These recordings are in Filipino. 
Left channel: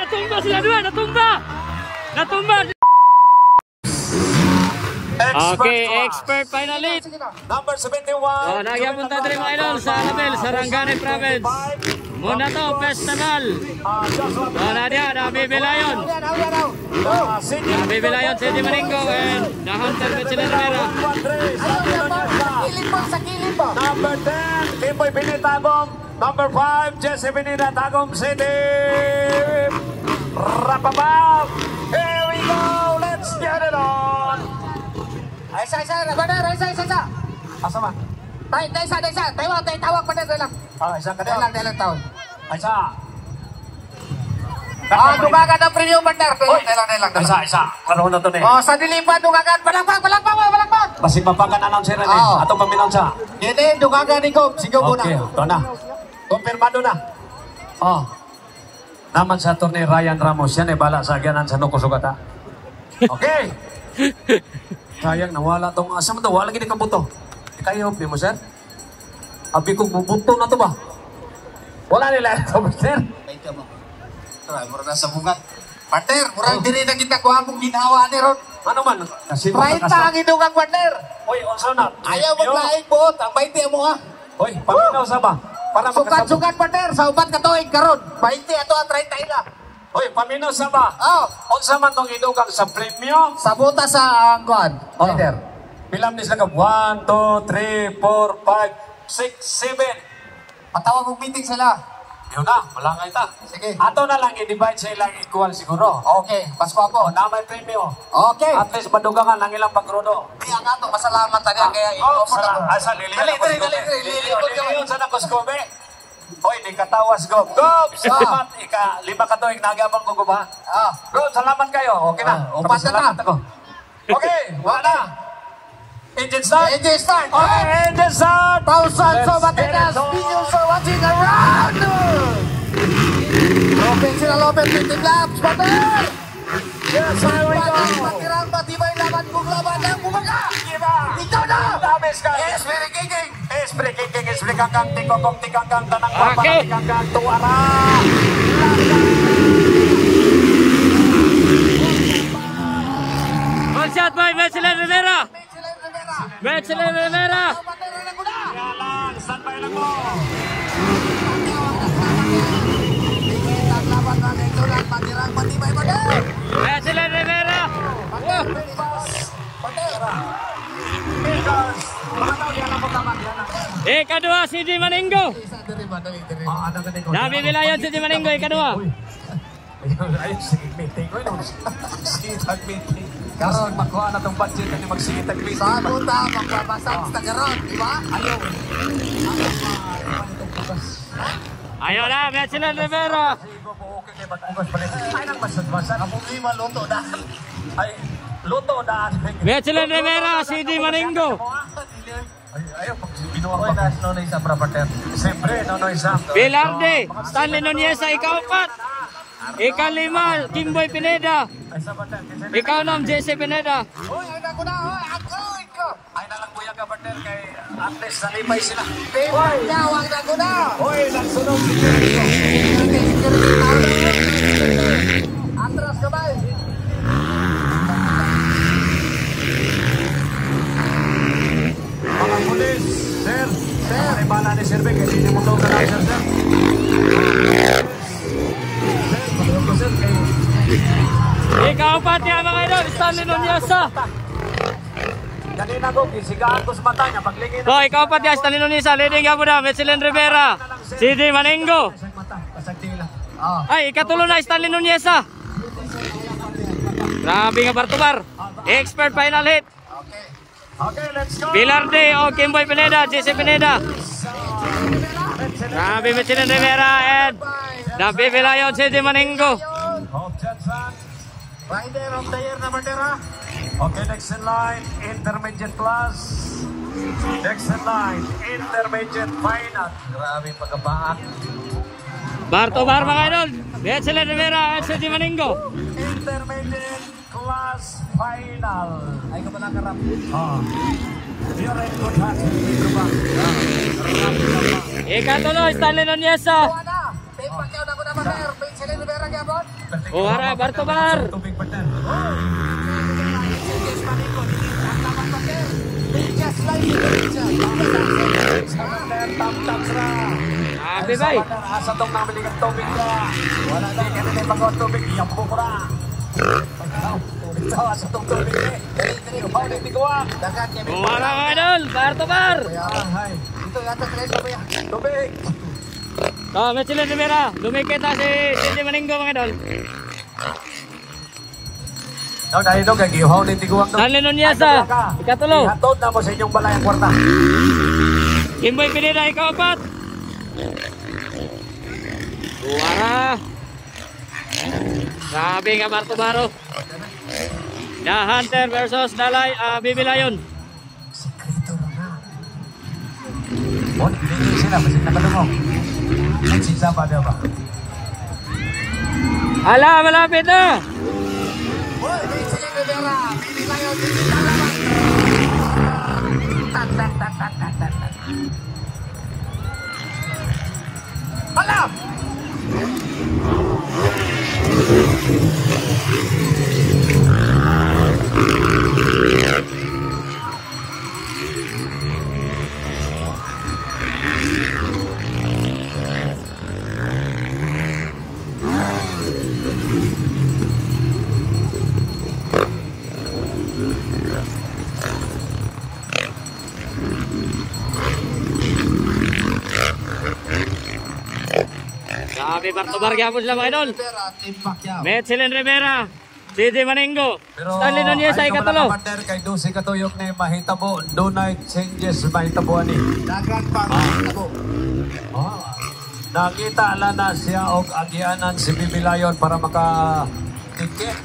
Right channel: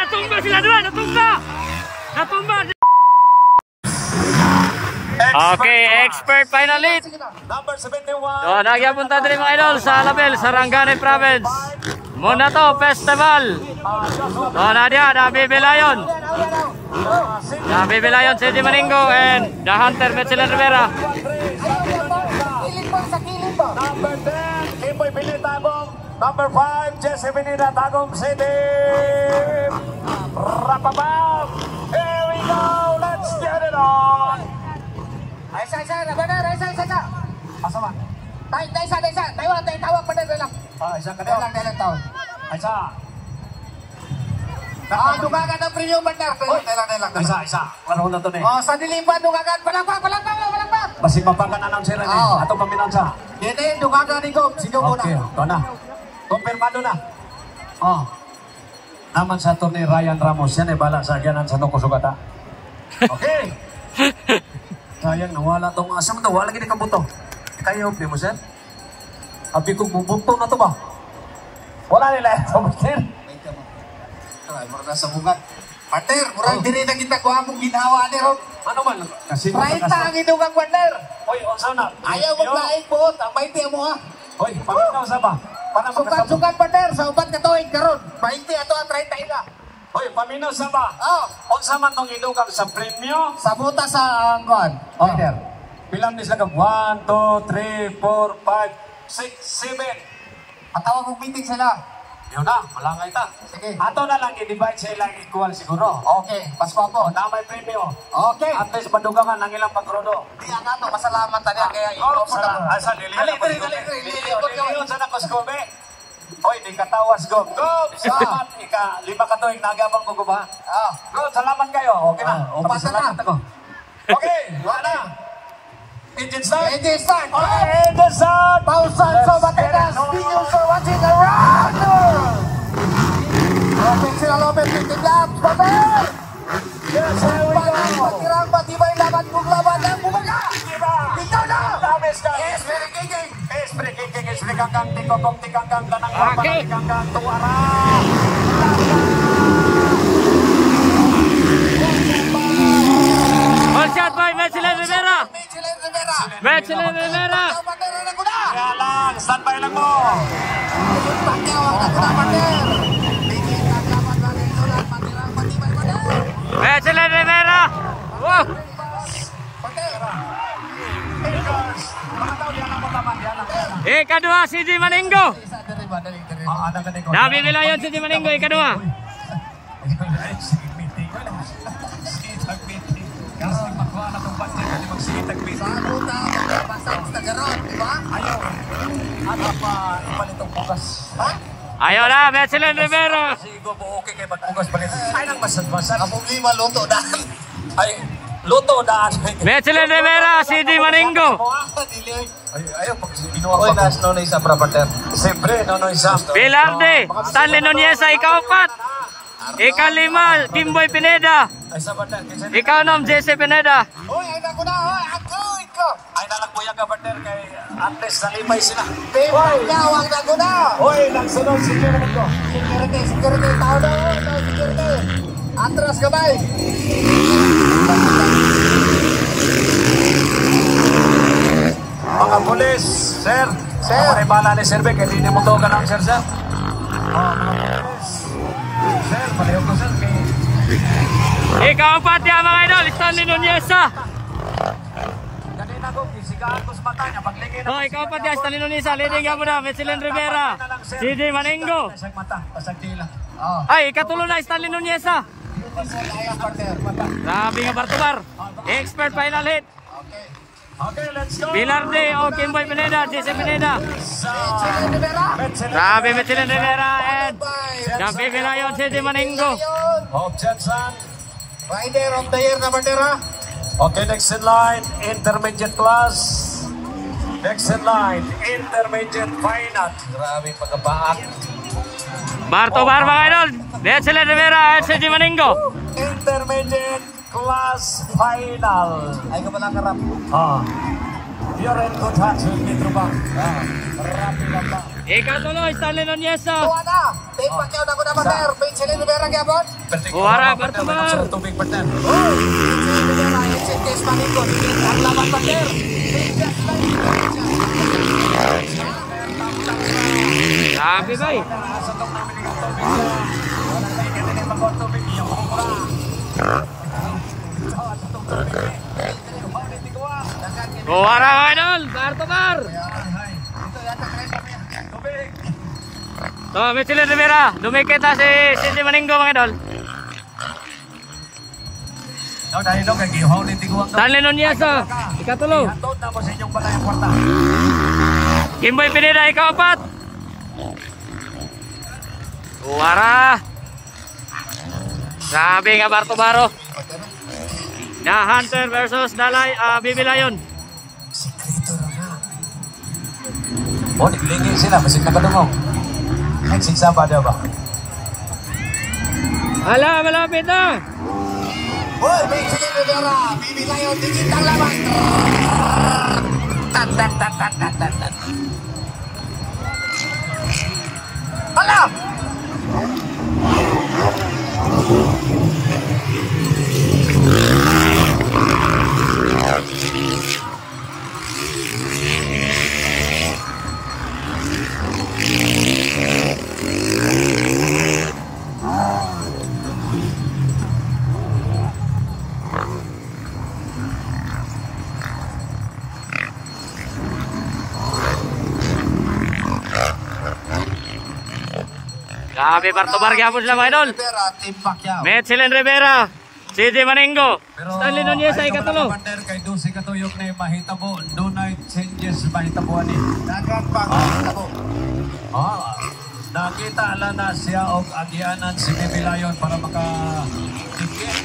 Natumba sila dua, natumba. Okay, expert finalist. Number 71. So, nagyapunta din mga idol sa Alabel, Sarangani Province. Muna to, festival. So, nabibilayon. Nabibilayon si Di Maningo and the Hunter Metzeler Rivera. Number 10, Kimboy Pinitagong. Number 5, Jesse Pinita, Tagum City. Rapapam. Here we go. Let's get it on. Isa, benar, isa. Asa man? Isa. Tawag pa na lang. Isa ka Dalang tawag. Isa. Dugagan ang premium partner. Dalang. Isa. Ano na to eh? Oh, sa dilipan, dugagan. Balakbang. Basi mapakan announcer ni. Ato paminansa. Dito, dugagan ni Gob. Sige muna. Okay, ito na. Kumpirmado na. Oh. Naman sa turni Ryan Ramos. Yan bala sa ganan sa Nukosugata. Okay. Sayang, nawala itong asam ito. Wala gini kabuto. Kayo, di mo, sir? Abi kong bubuto na ito ba? Wala nila ito, sir. Baita mo. Mura na sa bungat. Partner, murang diri na kita kuha mong ginawa ni Ron. Ano man? Kasi Baita ang inugang partner. Hoy, unsa na? Ayaw maglaing po. Ang baiti mo ha. Hoy, paminaw sa ba? Para Sukat partner. Sa upat katuig karon. Baiti ato ang 30 na. Hoy, paminaw sa ba? Oh. Unsa man tong ilugang sa premyo? Sa buta sa angkuhan. Leader. Bilang ni sila ka 1, 2, 3, 4, 5, 6, 7. Patawag mong meeting sila. Yun na, malangay ta. Sige. Ato na lang i-divide sa ilang equal siguro. Okay, Pasko po. Na may premyo. Okay. At least madugangan ng ilang pagrudo. Kaya nga to, masalamat tayo. Kaya Oh, ipot ako. asa liliyon. Dali. Liliyon sa nakoskobe. Hoy, di katawas, Gob. Gob, salamat. Ika-5 ka to, nagabang ko, Gob, ha? Gob, salamat kayo. Okay na. Upat na. Okay, wala. Engine start. Engine start. Okay, engine start. Thousands of Atenas. Millions are watching around. Okay, sila Lopez, 15 laps. Babar! Yes, here we go. Patirang matibay laban kung laban ng bumaga. Ikaw na! Esprit kicking. Esprit kakang, tikokong, tikakang, tanang Okay. kakang, tuwara. All shot by Metzeler Rivera. Metzeler Rivera. Kaya lang, standby lang mo. Metzeler Rivera. Wow. Mga tao, diyan lang po taman, diyan lang. Ikadua si Di Maningo. Ada ka din ko. Nabibilayon si Di Maningo, ikadua. Dapat makuha na itong budget at magsigitag-bit. Sa buta, magkapasang sa garon, di ba? Ayaw. Ano pa ipalitong bukas? Ayaw na, Metzeler Rivera. Sigo po okay kayo magbukas palit. Ay, nagmasad-masad. Ang problema, luto na. Ay, luto daan. Metzeler Rivera, si Di Maningo. Ayaw, pag binuha pa. Uy, nas nonoy sa property. Siyempre, nonoy sa. Pilarde, Stanley Nunez, ika-4. Ika-5, Kimboy Pineda. Ay, sa partner. Ika-6, Jesse Pineda. Uy, ay ko na, ako. Ay, nalagpuyan ka partner kay Andres sa limay sila. Tibay na, huwag na ko na. Uy, nagsunod siya. Atras ka ba? Mga pulis, sir. Ay, bala ni Sir Beck. Hindi mo to ka lang, sir. Sir, palihog ko, sir. Ika-4 yan mga idol, Stanley Nunez. Kanina ko, kisigaan ko sa mata niya. Paglingin So, ika-4 yan, Stanley Nunez. Leading ka muna, Metzeler Rivera. Si Di Maningo. Pasag mata, pasag tila. Ay, ika-3 na, Stanley Nunez. Grabe nga bar-to-bar. Expert final hit. Okay, let's go. Pilarde o Kimboy Pineda, Jesse Pineda. Grabe Metzeler Rivera and nabibilayon si Di Maningo. Bob Jensen. Rider of the year na bandera. Okay, next in line, intermediate class. Next in line, intermediate final. Grabe pagkabaak. Bar-to-bar mga idol. Betsilin Rivera at CJ Maningo. Intermediate class final. Ay ka ba nakarap? You're ready to touch Metro Bank. Ikatuloy, Stanley Noniesa. Wala. Take back yaw na ko na Pater. Betsilin Rivera gyapon. Uwara, bar-to-bar. Tubig partner. Betsilin Rivera, Chinese Maningo. Ang laban Pater. Sabi bay. Asa tong namin ng tubig na. Wala na kanina pag tubig iyang bumura. Asa tong tubig. Uwara mga idol, bar-to-bar. Ito yata tres pa yan. Tubig. So, Betsilin Rivera. Dumikit na si CJ Maningo mga idol. Now, dahil doon, kaya ihaw na tiguang doon. Stanley Noniesa. Ikatulo. Ihatod na mo sa inyong balay ang kwarta. Kimboy Pineda, ikaw-apat. Uwara. Grabe nga bar-to-baro. The Hunter versus Bibi Lion. O, nagligin sila. Masig na kadungo. Nagsigsaba daw ba? Hala, malapit na. Hoy, Betsilin Rivera. Bibi Lion. Alam! Grabe bar-to-bar gyapon sila mga idol. Rivera, Team Pacquiao. Betsilin Rivera, CJ Maningo, Stanley Noniesa, ikatulo. Commander, kay Dusi katuyok na mahitabo. Dunay changes mahitabo ani. Dagan pang tabo. Nakita ala na siya og agianan si Bibi Lion para maka-tikit.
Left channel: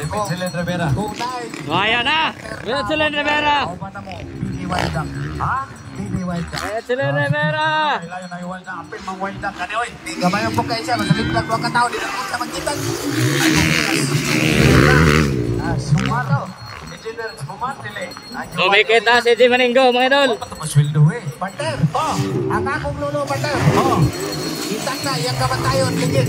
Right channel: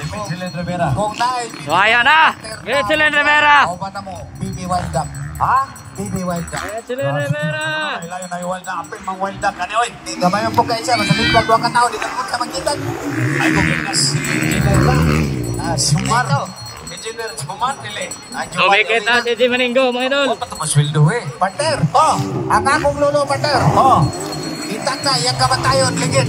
Betsilin Rivera. Kung nai. Ayan na, Betsilin Rivera. Kung na mo, Bibi Wild Up. Ha? Bibi Wild Up. Betsilin Rivera. Lion ay wild na apil mang wild na kani oy. Gabayan po kayo siya. Masalit lang doon ka tao. Di ba ka magkitag? Sumar. Engineer Sumar dili. Dumikit na CJ Maningo mga idol. Masweldo eh. Partner. Ang akong lolo, partner. Oh. Itang ka, yan ka ba tayo? Ligit.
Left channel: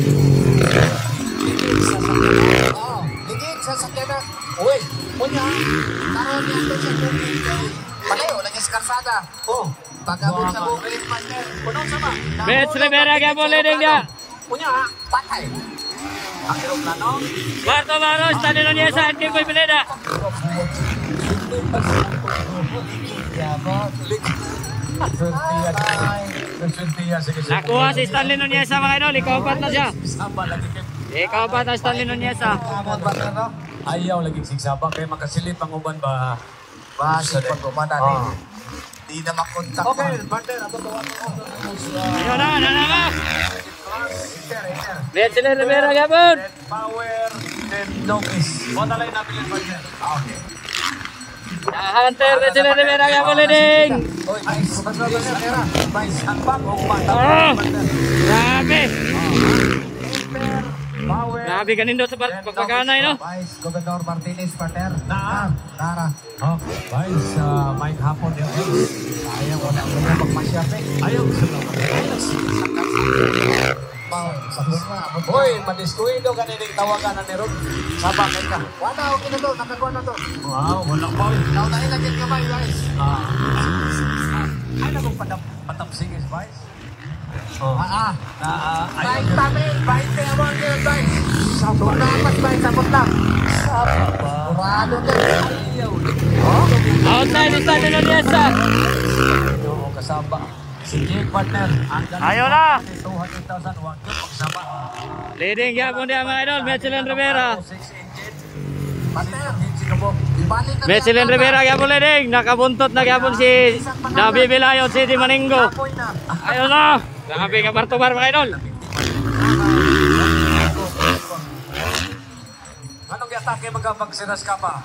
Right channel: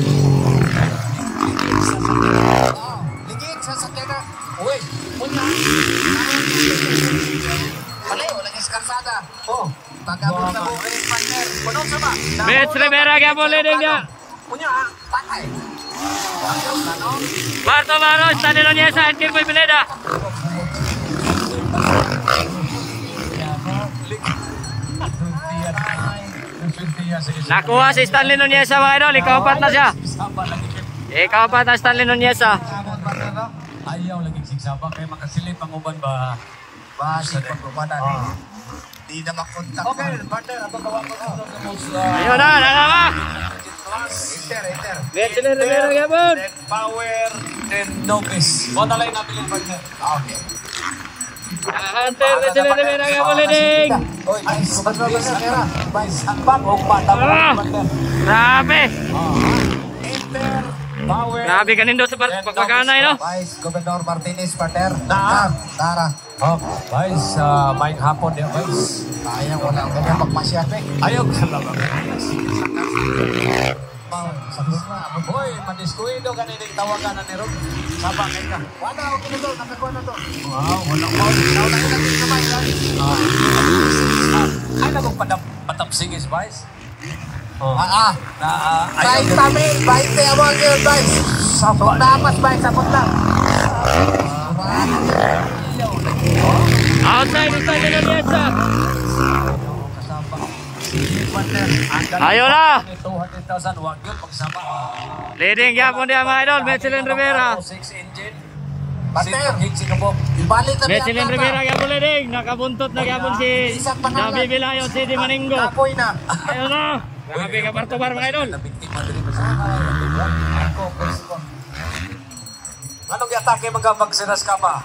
Ligit sa sakyanan. Uy. Una. Karoon yung pagkakas. Wala, wala niya sa karsada. Oh. Pag-abot na bukin, partner. Punong sama. Bets Rivera gyapon leading niya. Punya, patay. Ang aeroplano. Bar-to-baro, Stanley Noniesa at Kimboy Pineda. Nakuha si Stanley Noniesa mga idol, ikaw-apat na siya. Ikaw-apat na Stanley Noniesa. Ayaw lagi sigsaba kay makasilip ang uban ba. Basi pag-umanan. Di na makontak. Okay, partner, ato tawag ko sa Ayun na, nalamak. Betsilin Rivera gyapon. power then notice. Mo na lang namin partner. Okay. The Hunter Betsilin Rivera gyapon leading. Oy, Vice, pag-uwi sa pera. Vice, ang bang o Grabe. Power. Grabe kanindo sa pagpaganay no. Vice, Gobernador Martinez, partner. Na. Tara. Oh, guys, may hapon din guys. Ayaw ko na. Magpasya ko. Ayaw sa labang. Hoy, madiskuido ka nila tawagan na nero. Sabak ka. Wala, okay na to. Nakakuha na to. Wow, wala pa. Naunahin natin kamay, guys. Ay, nagong patapsingis, Vice. Vice kami. Vice, kaya mo ang yun, Vice. Sabot na apas, Vice. Sabot lang. Outside ng Stanley Noniesa. Kasama. Sige, partner. Ayun na. 200,000 wag yun. Kasama. Leading gyapon dia mga idol, Betsilin Rivera. 6 engine. Partner. Ibalik kami. Betsilin Rivera gyapon leading. Nakabuntot na gyapon si Bibi Lion, CJ Maningo. Apoy na. Ayun na. Grabe ka bar-to-bar mga idol. Anong yatake magkapagsinas ka pa?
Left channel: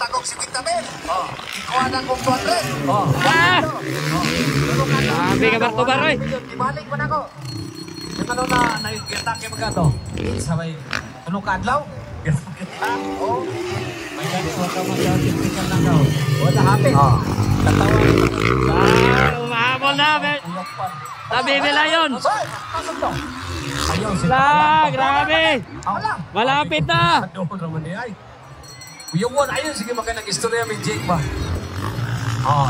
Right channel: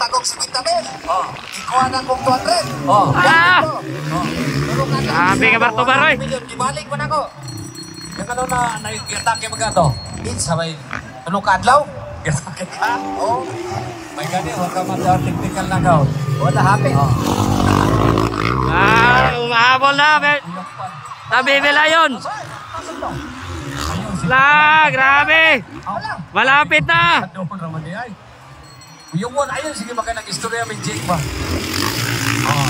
tagok si Kintabe. Ikuha na kong tuwag. Ah! Sabi ka Bartobar, oy. Ibalik mo na ko. Ano na naitake mo gato? Sabay, anong kaadlaw? Oh. Wala happy. Mahabol na. Nabibila yun. Grabe. Malapit na. Doon naman niya ay. Yung one, ayun, sige maka nag-istorya may Jake ba?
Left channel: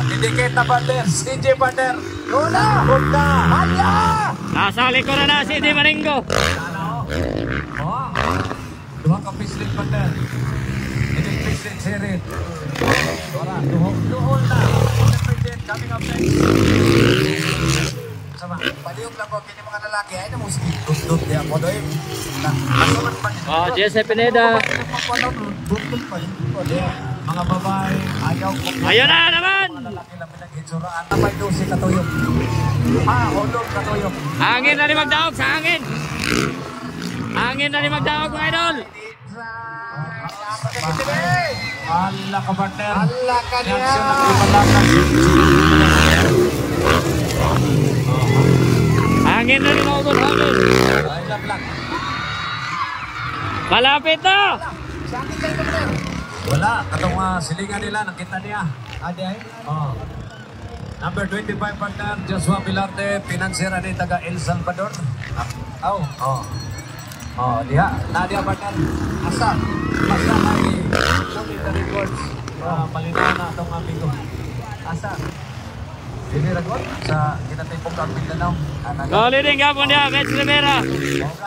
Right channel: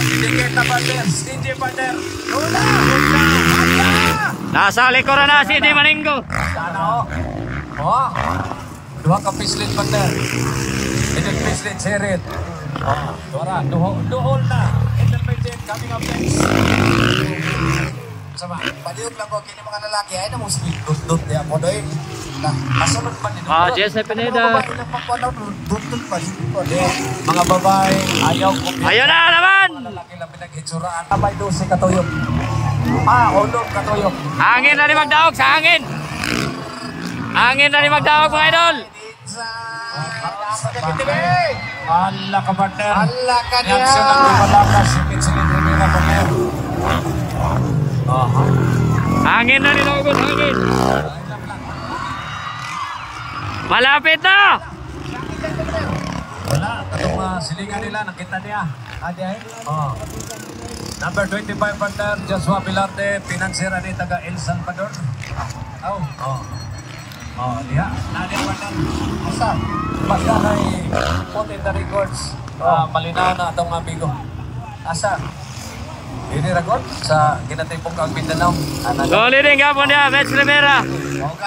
Indicate na Bander, CJ Bander. Luna! Luna! Hala! Nasa likuran na si Di Maningo. Duha ka pislit Bander. Hindi pislit sirit. Wala, duhol na. Coming up next. Sama, paliut lang po kini mga lalaki ay na mo sige dudut di ako doy. Masuman pa dito. Joseph Pineda. Dudut pa dito. Mga babae, ayaw. Ayun na naman. Laki lang pinaghitsuraan. Naman doon si Katuyok. Hulog Katuyok. Hangin na ni magdaog sa hangin. Hangin na ni magdaog mga idol. Hala ka Bander. Hala ka na. Hangin na ni magdaog, hangin. Malapit na. Wala, katong silingan nila, nakita niya. Adi ay? Number 25 partner, Joshua Vilarte, financier ni taga El Salvador. Diha, nadia partner. Asa? Basta kay South in the Records. Malinaw na itong amigo. Asa? Yun yung record sa ginatipong ang Mindanao. Goli rin ka po niya, Max Rivera.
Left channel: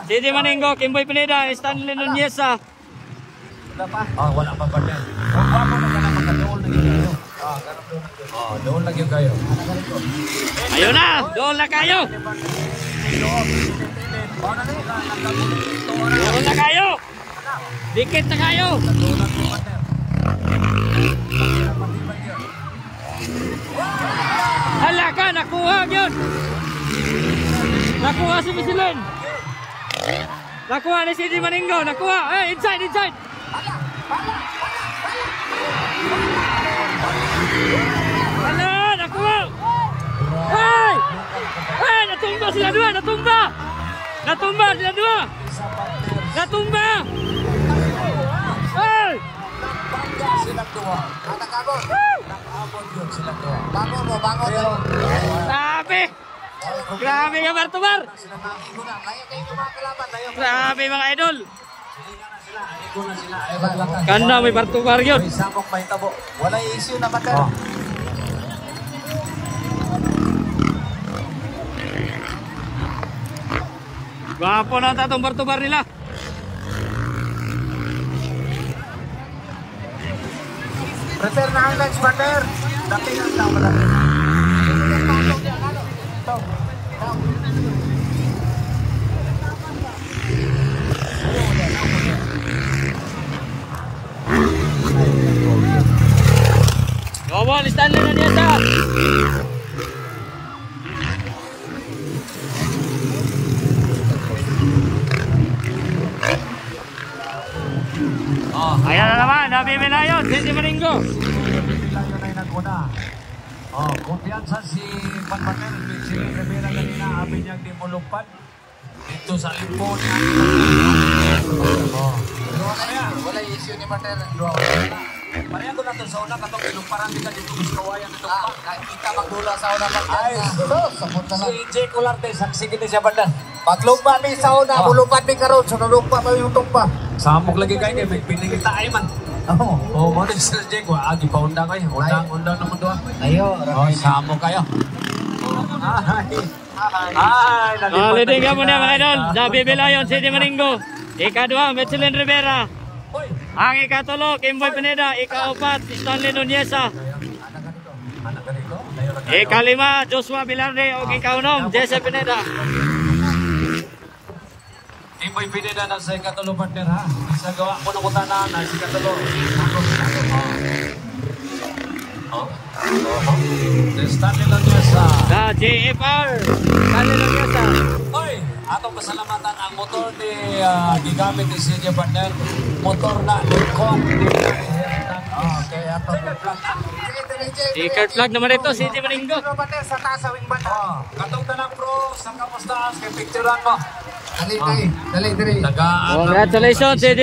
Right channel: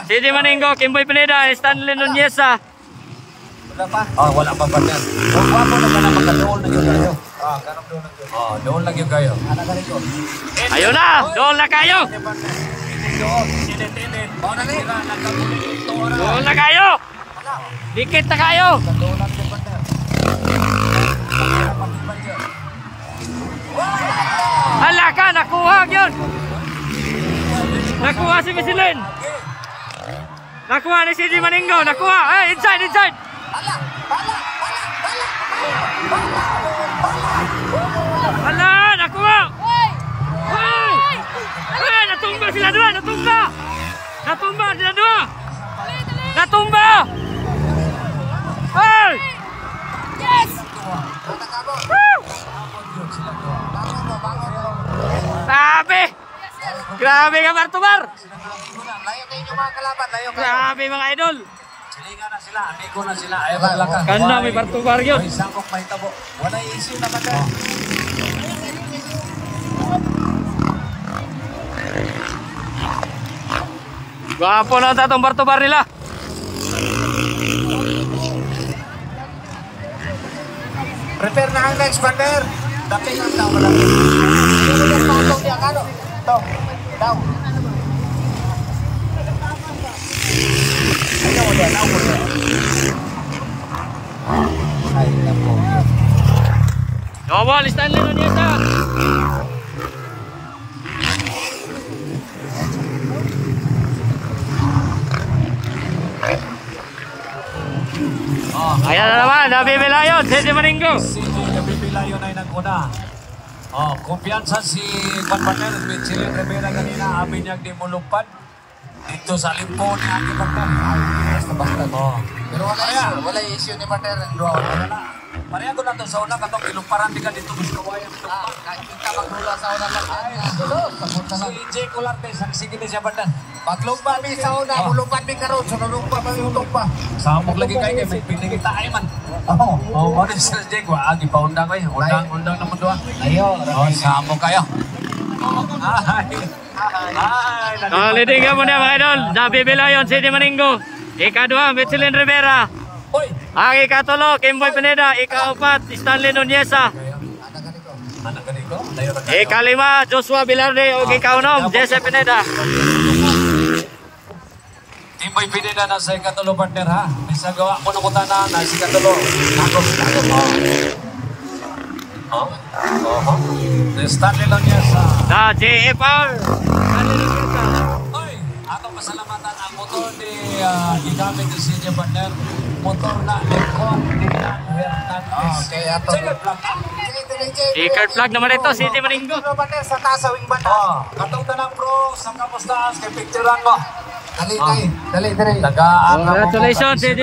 Si Di Maningo, Kimboy Pineda, Stanley Nuneza. Wala pa partner. Kung wapo na ka na magka-dool na yun kayo. Dool na yun kayo. Ayun na, doon na kayo. Doon na kayo. Dikit na kayo. Hala ka, nakuha yun. Nakuha si Michelin. Nakuha ni si Di Maningo. Nakuha. Inside, inside. Hala, nakuha. Ay! Ay, natumba sila dua. Natumba. Natumba sila dua. Natumba. Ay! Grabe! Grabe ka Bartobar! Layo kayo yung mga kalaban, layo kayo. Grabe mga idol! Silingan na sila, amigo na sila. Ay, maglaka. Kanda may Bartobar yun! May samok pa hitabo. Wala issue naman to. Gwapo na tatong Bartobar nila! Prepare na ang next partner. Dating ang tao. Tao. Ayaw mo dyan. Ayaw mo dyan. Nobol, Stanley Nuneza! Yan na naman, nabibila yun, si Di Maningo! Pilayo na yung nagmuna. Kumpiyansa si Juan Manuel, Michelin Rivera kanina, abinyag di mulupad. Dito sa limpo ni Aki Wala issue ni partner. Kaya ko natin sa una, katong kilumparan di ka dito gusto kawayan dito. Kita magdula sa una lang. Si Jake Olarte, saksi kini siya bandan. Paglumpa ni sa una, bulupad ni karon, sunulumpa pa yung tumpa. Samok lagi kayo kay may pinilita ay man. Mo din sila Jake, agi pa undang kayo. Undang naman doon. Ayo, Samok kayo. Leading ka muna mga idol, nabibila yun si Di Maningo. Ika-2, Michelin Rivera. Ang ika-3, Kimboy Pineda. Ika-4, Stanley Nuneza. Ika-5, Joshua Vilarte. O ika-6, Jesse Pineda. Kimboy Pineda na sa ika-3 partner ha. Isa gawa mo na kutana na sa ika-3. Stanley Nuneza. Na JFR. Stanley Nuneza. Oy, atong kasalamatan ang motor ni ginamit ni CJ Bandel. Motor na Lincoln. Okay, ato. I-card flag naman ito, CJ Maringo. Sa kasawing banda. Katong tanang pro sa kapustahan kay picturean mo. Dali, dali, dali. Tagaan. Congratulations, CJ